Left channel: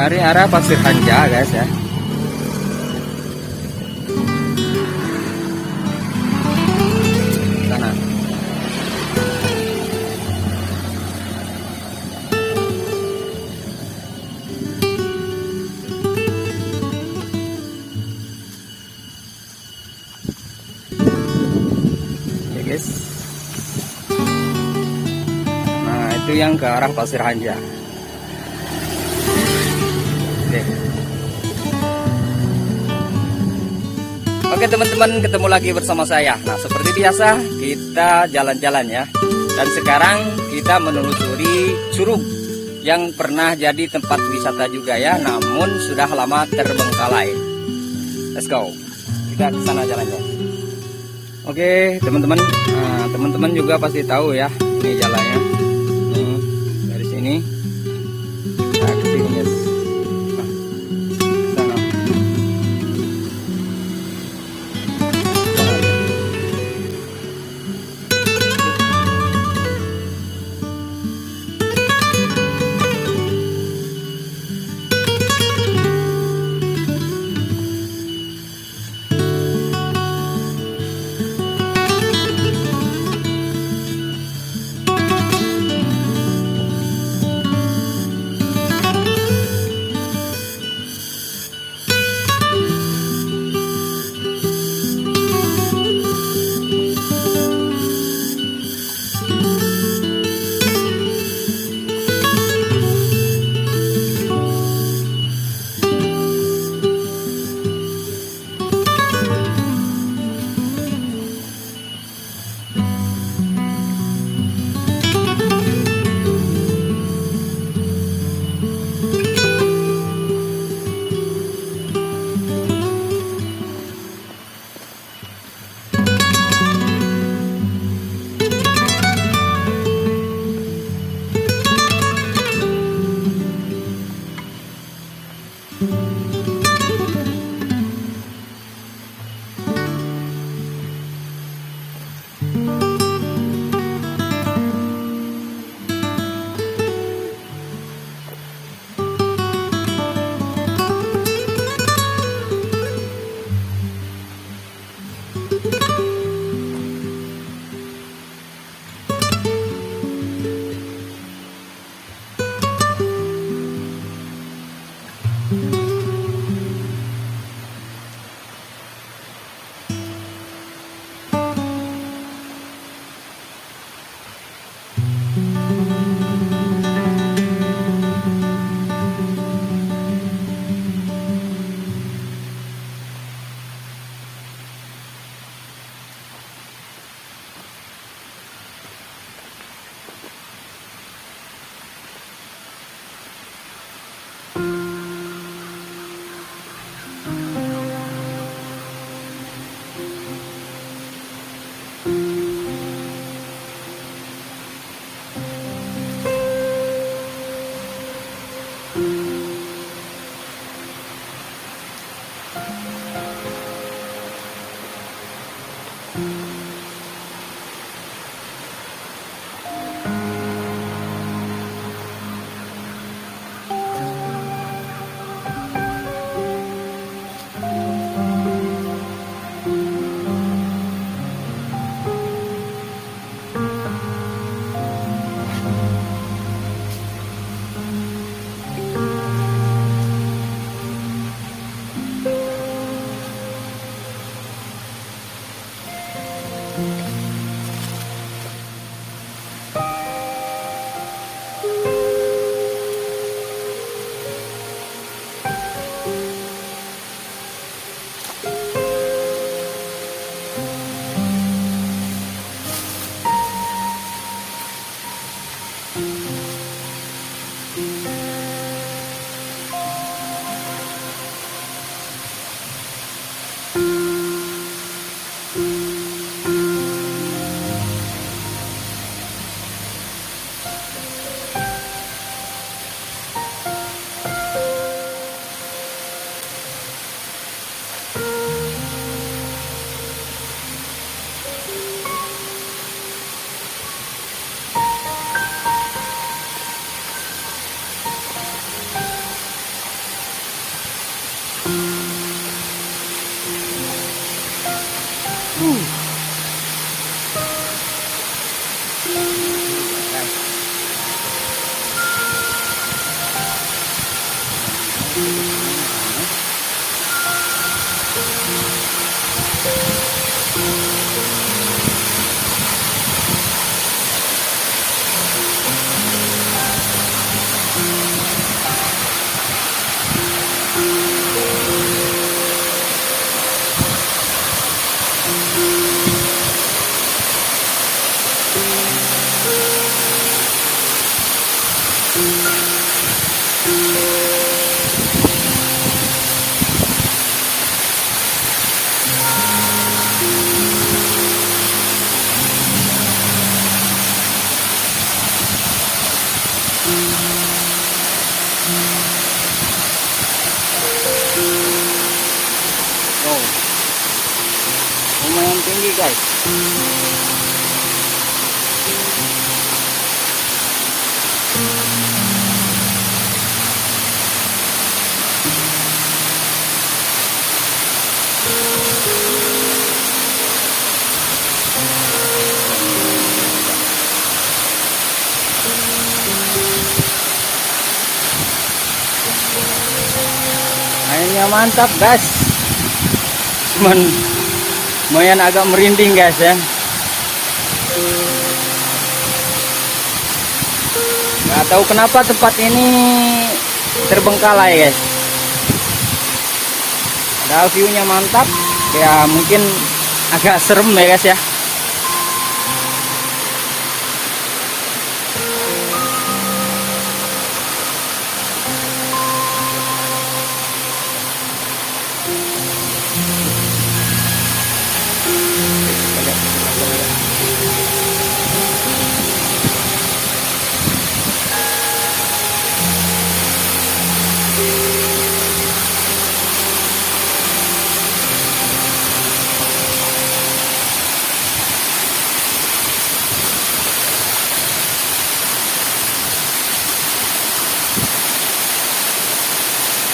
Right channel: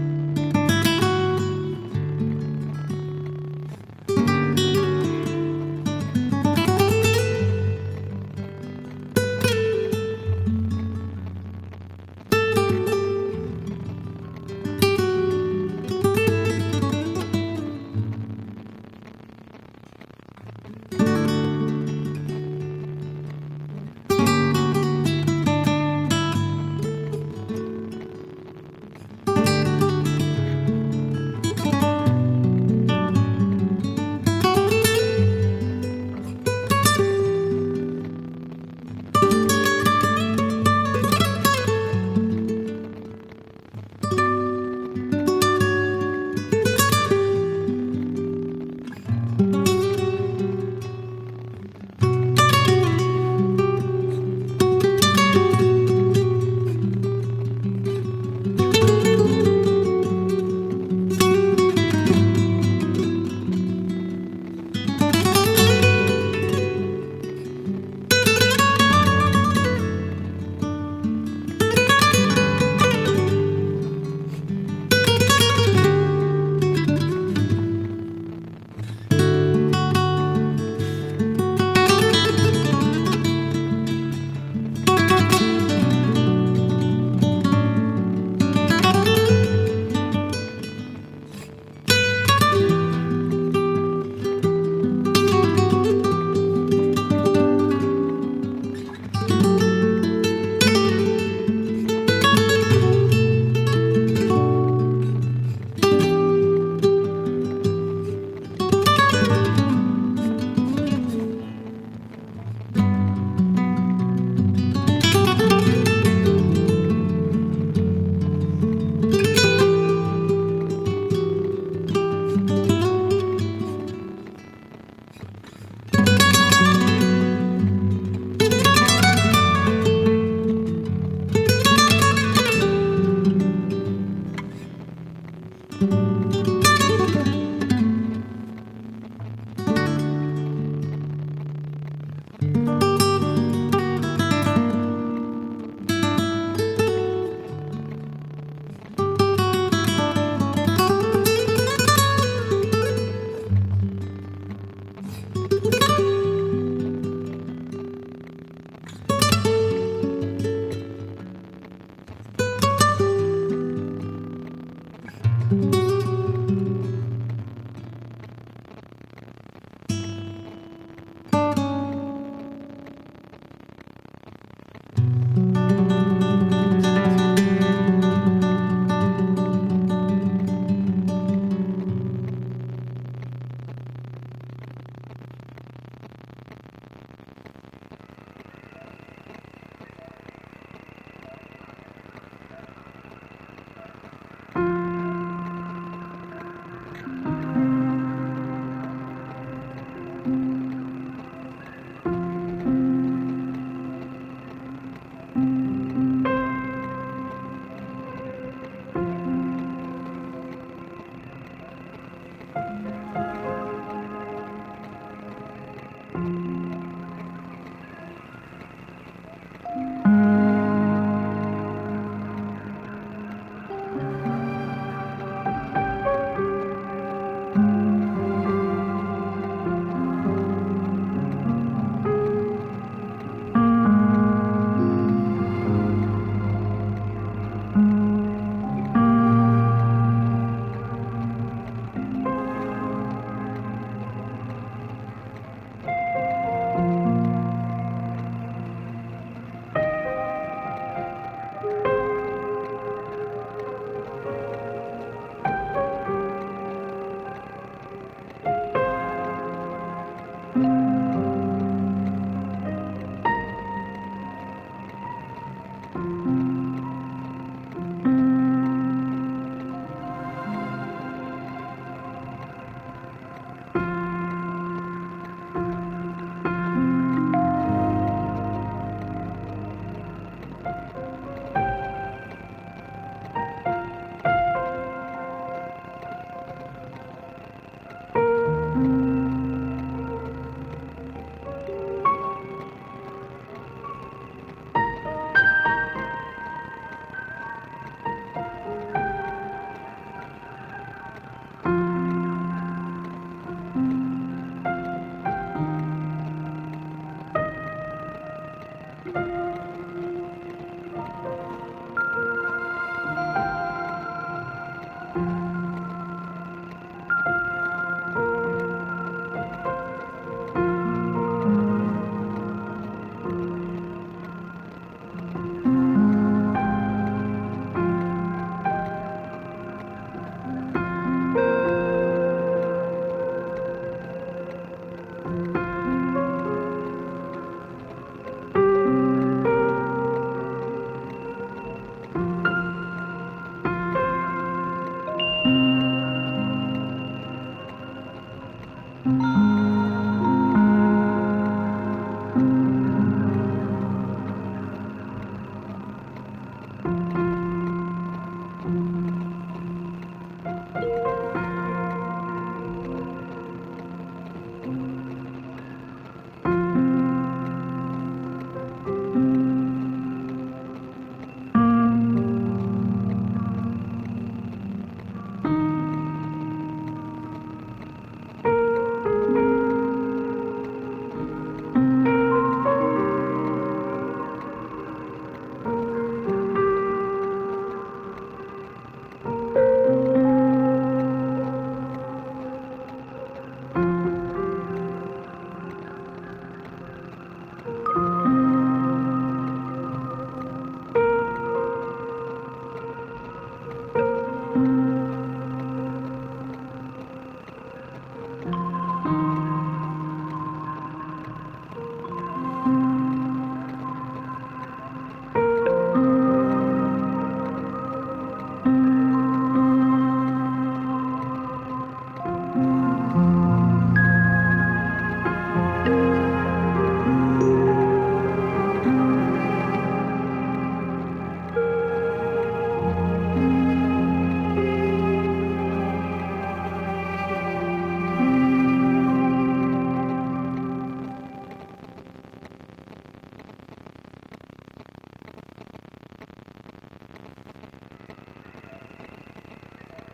dari arah Pasir Hanja guys ya. Sana. Oke guys. Nah itu yang ke arah Pasir Hanja. Oke teman-teman, ketemu lagi bersama saya. Nah seperti biasa kita jalan-jalan ya. Dan sekarang kita menelusuri curug yang pernah jadi tempat wisata juga ya, namun sudah lama terbengkalai. Let's go, kita ke sana jalan-jalan. Oke teman-teman, nah, teman-teman juga pasti tahu ya ini jalannya. Dari sini. Wow, lumayan tinggi guys. Airnya mantap guys, cuman lumayan agak merinding guys ya. Nggak tahu kenapa tempat ini terbengkalai guys. Padahal view-nya mantap, ya mungkin agak serem ya guys ya.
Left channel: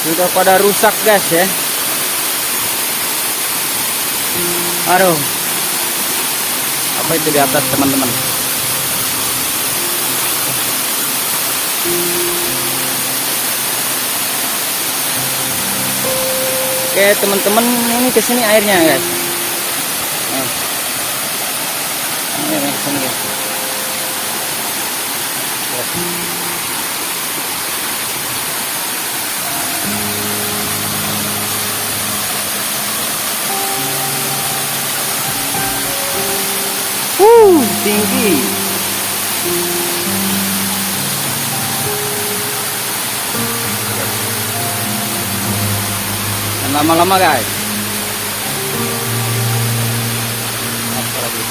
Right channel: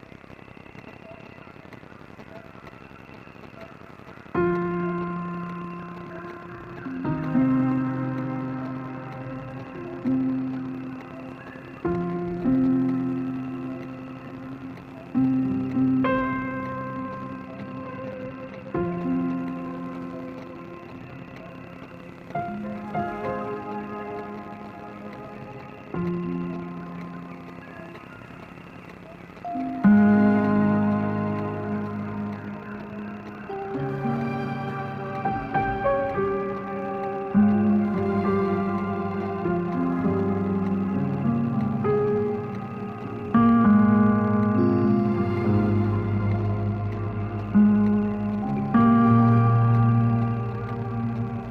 Sudah pada rusak guys ya. Aduh, apa itu di atas teman-teman? Oke teman-teman, ini kesini airnya guys. Ini kesini guys. Tinggi. Dan lama-lama guys. Apa lagi?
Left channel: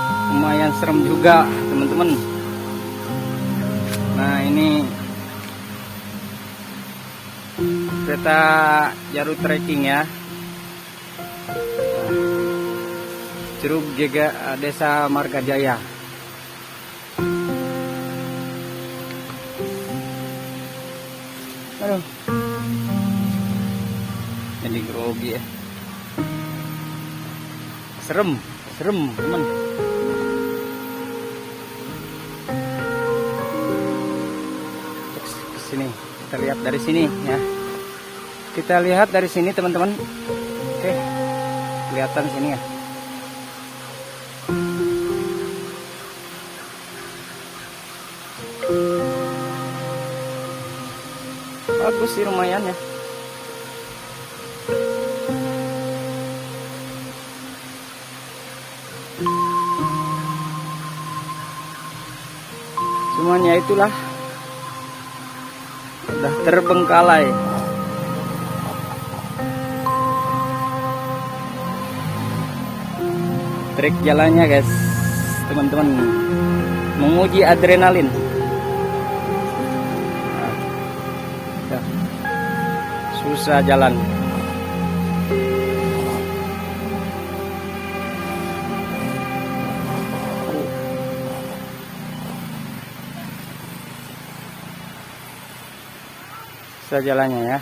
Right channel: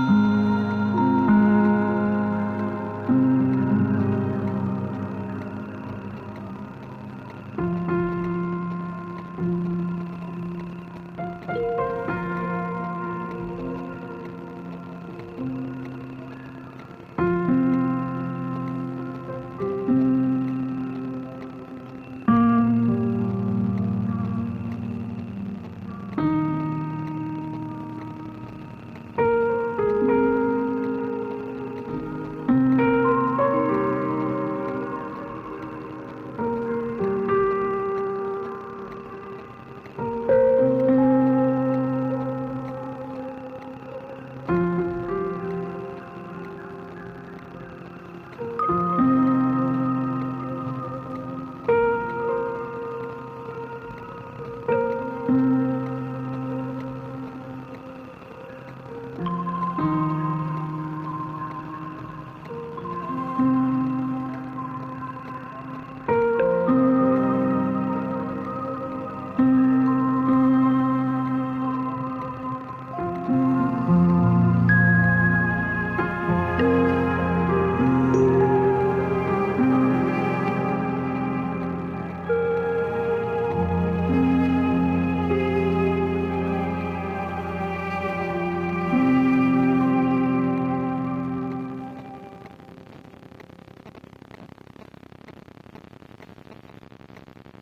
Lumayan serem juga teman-teman. Nah ini kereta jalur trekking ya, Curug Desa Marga Jaya. Aduh, jadi grogi ya. Serem teman. Sini kita lihat dari sini ya. Kita lihat dari sini teman-teman. Oke, kelihatan sini ya. bagus sih, lumayan ya. Semuanya itulah udah terbengkalai. Trik jalannya guys, teman-teman, menguji adrenalin. Susah jalan. Susah jalannya ya.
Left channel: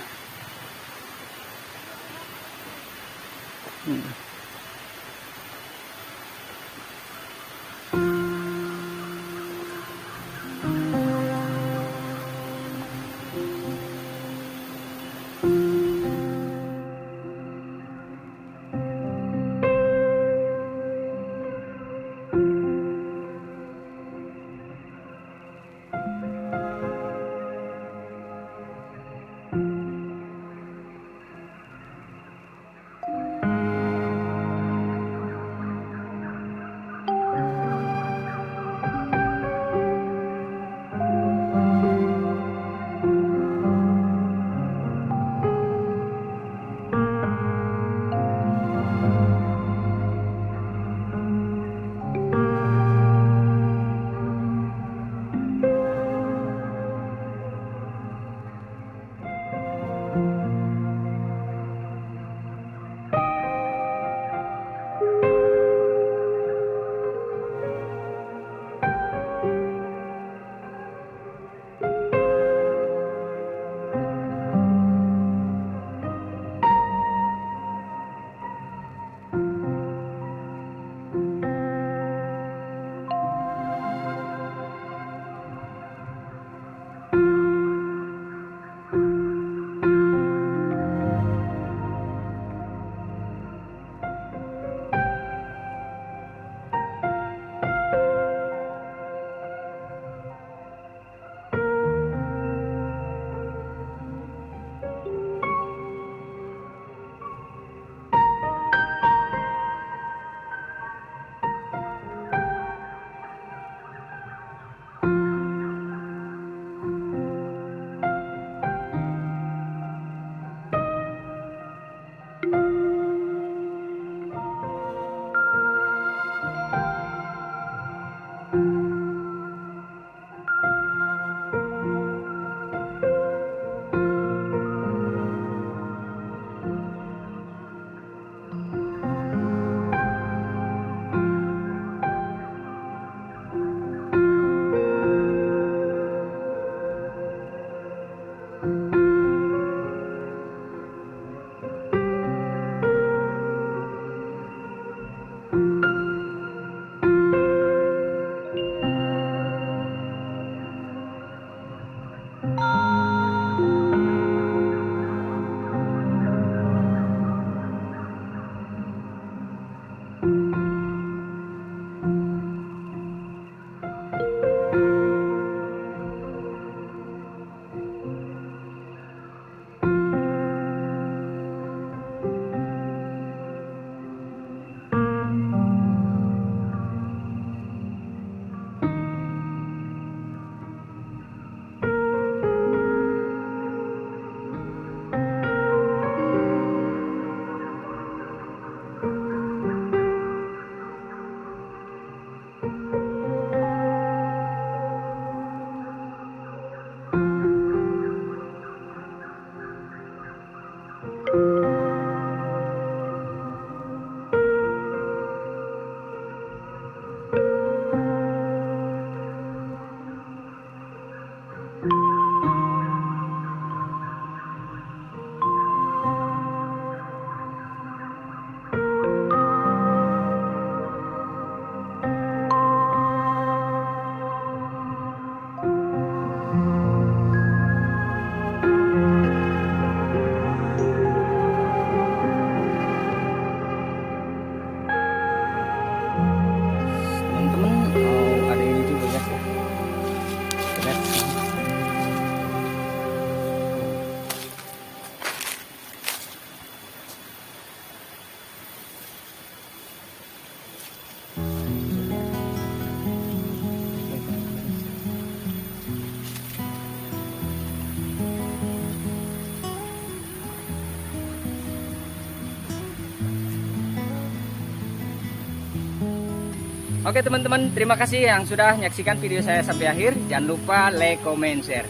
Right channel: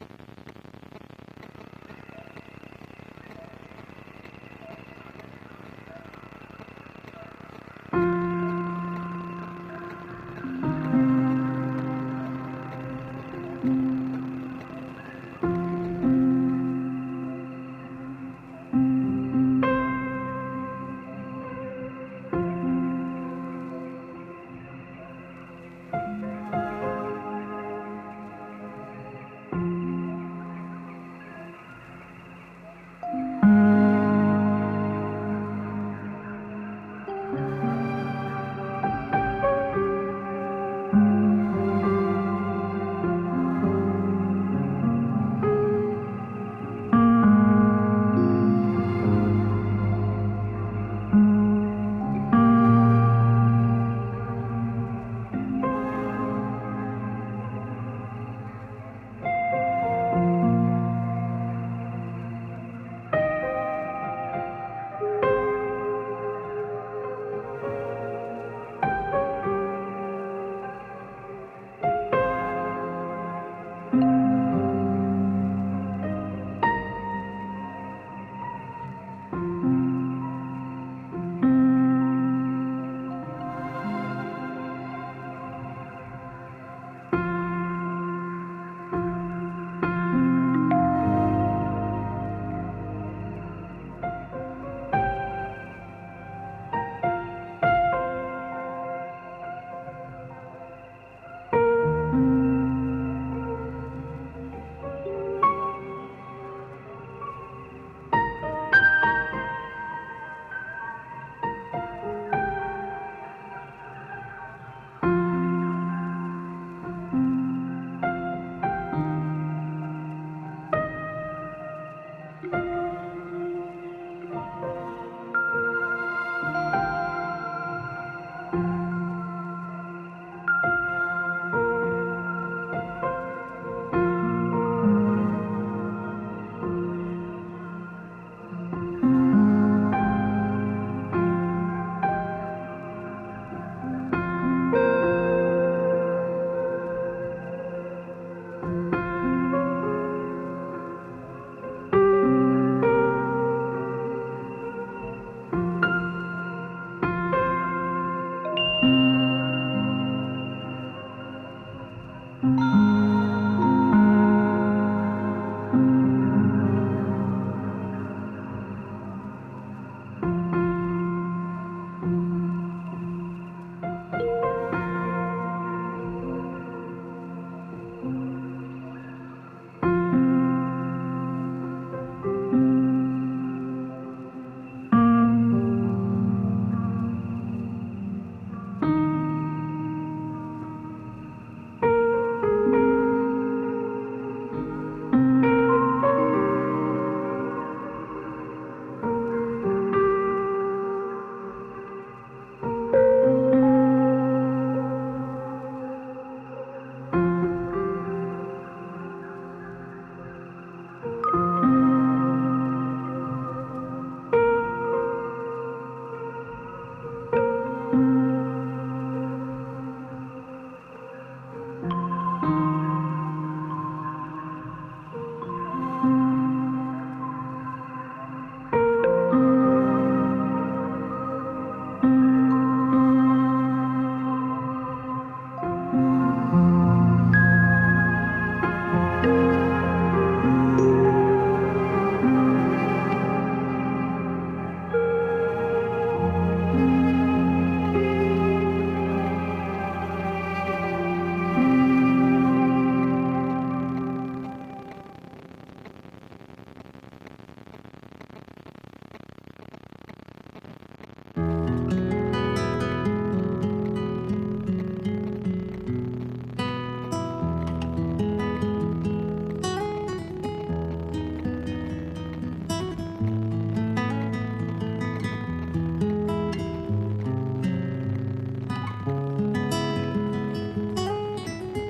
Oke teman-teman, terima kasih yang sudah menyaksikan video saya sampai akhir. Jangan lupa like, comment, share.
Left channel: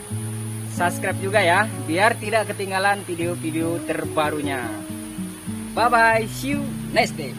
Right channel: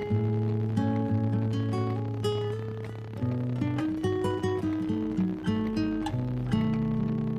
Subscribe juga ya, biar tidak ketinggalan video-video terbarunya. Bye-bye, see you next day.